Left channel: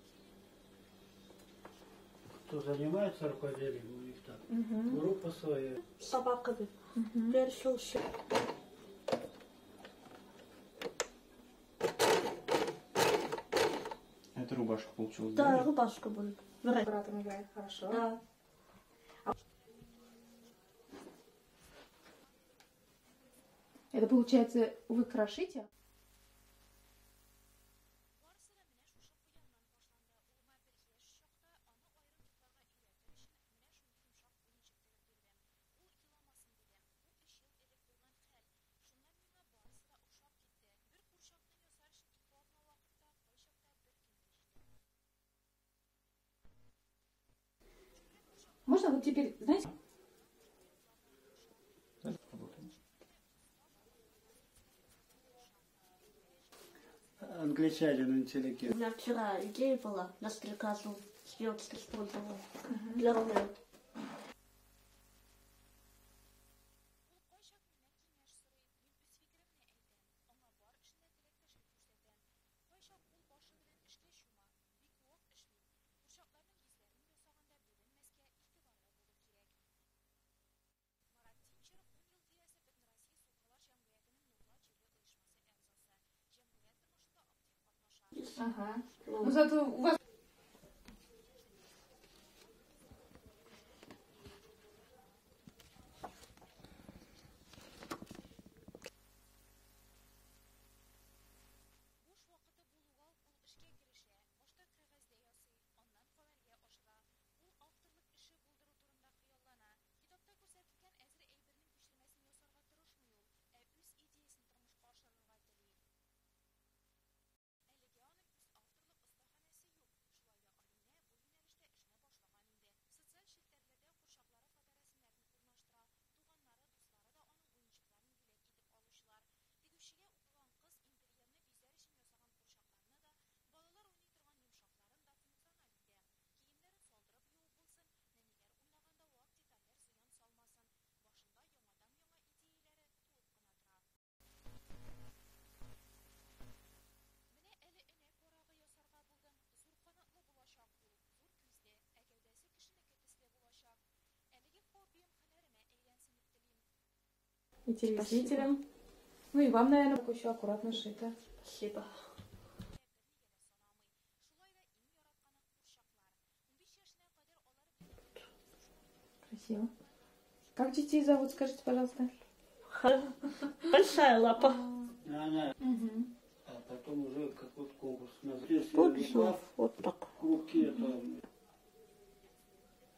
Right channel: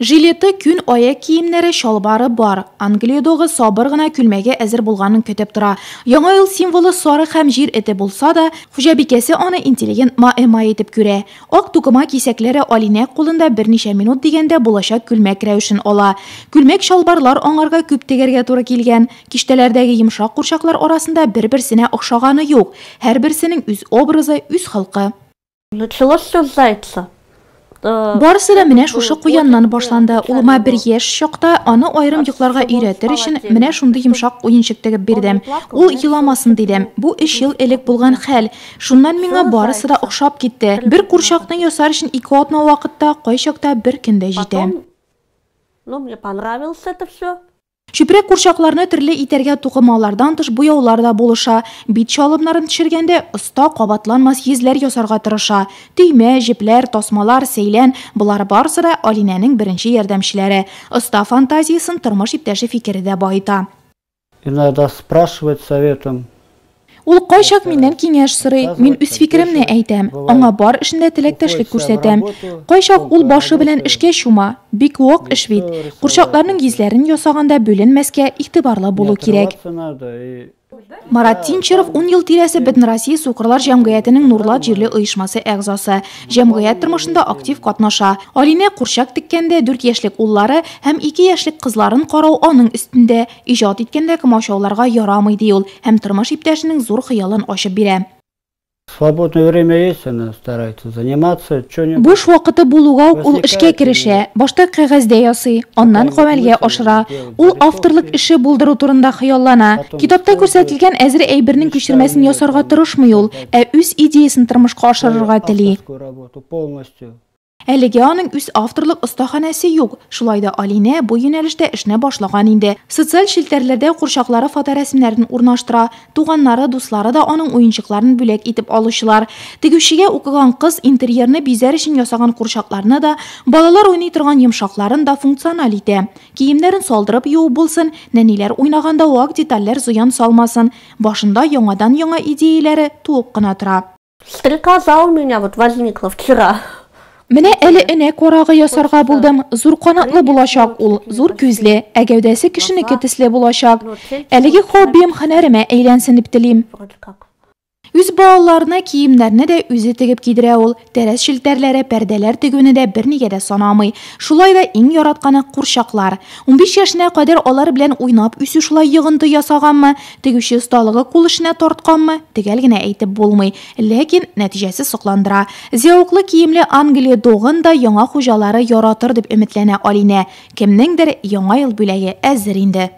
Жилеты, күн аяк киемнәре, шалбары бар. Англиядагы сабыр гына күлмәгә әзер булганын көтеп тора. Яңа ел символы сары һәм җир эте булса да, хуҗабикәсе аны интеллигент маэма итеп күрә. Ак тукыма кисәкләре Алинә кулында берничә минут дигәндә булачак күлмәк рәвешен ала. Күлмәк шалбарлар аңарга күп тегәргә туры килгән. Киштәләрдәге йомшак курчаклар арасында бер-берсенә охшаганы юк. Һәрберсенең үз образы, үз халкы. Началось все с зайца. Барысы да менә шушы куяннан башланды. Улыма бер яшь чакта аны айрым йокларга өйрәтер өчен менә шундый йомшак уенчык тегеп бирдем. Ул еламасын дидем. Бу 3 ел элек булган хәл. Шуннан миңа барысы да охшап китте. Бер курчакны ясар өчен 2 атна вакытта, кайчакта бер көндә җитә. Ну, мне понравилось это все. Чүпрәк курчакларны төрле итәргә тукымалардан тыш буяулар да булыша. Бит чалымнарын төшергәндә оста кабатланмас йөзләр ясарга тырыша. Төймә, җепләр, тасмалар, сәйлән – булар барысы да Алинәнең беренче ярдәмчеләре. Оста фантазиясын тормыш иптәше фикере дә байыта. Иногда спрашивать советом. Ул кайчак миннән киңәш сорый, мин үз фикеремне әйтәм. Аңа бар эшендә теләктәшлек күрсәтәм. Кайчак ул башы белән эшкә чума. Бик вак эш бит. Курчакларның йөзләрен ясаганда бүленмәскә игътибарлы булу кирәк. Марат Тинчеров 10 ел тирәсе Бөтен Россия Сукырлар җәмгыятенең Нурлат җирле оешмасы әгъзасы. Җәмгыять тормышында актив катнаша. Алинә курчак тиккәндә 4 яшьлек уллары һәм 2 яшьлек кызларын карау аның өстендә. Иҗат иткәндә комачауларга ярамый ди ул һәм тормыш иптәшенең зур хыялын ачып бирә. Свободное время есть, она старается заниматься что-нибудь. Буш вакыты булуга ул эшкә керешә. Башта кәгазьдә ясый, аннан гамәлгә ашыра. Ул авторлык эше булдыру турында хыяллана. Китапта күрсәтелгән әзер әйбернең күчермәсен ясарга тырышмый ул, ә үз идеясын тормышка ашырырга тели. Әлегә аның үз авторлык остаханәсе юк. Шулай да Алинә бу юнәлештә эшне башлаган инде. Социаль шелтәрләрдә курчаклары фоторәсемнәрен урнаштыра. Туганнары, дуслары да аның уенчыкларын бүләк итеп алучылар. Тегүчегә укыган кыз интерьерны бизәр өчен ясаган курчакларны да, балалар уйный торган йомшакларын да функциональ итә. Киемнәрен салдырып юу булсын, нәниләр уйнаганда вак детальләр зыян салмасын. Башында яңадан яңа идеяләре туып кына тора. Стрекоза у меня вот возникла вчера. Менә әле энә карагы ясарга булдым. Зур канатлы булачак ул, зур күзле, ә гәүдәсе кешенеке төсле булачак. Әлеге хоббием һөнәремә әйләнсен дип телим. Үз балаларына киемнәрне дә үзе тегеп кидерә ул. Тәрәс шелтәрләре, пәрдәләр тегүне дә бернигә дә санамый. Шулай да иң яратканы курчаклар. 15 яшенә кадәр алар белән уйнап үсү шулай йыгынты ясаганмы, тегүче осталыгы кул эшенә тартканмы, төгәл генә әйтеп булмый. Ләкин нәтиҗәсе сокландыра. Зәвыклы киемле Англия догын да яңа хуҗалары яратыр дип өметләнә Алинә. Кемнеңдер яңа ел бүләге әзер инде.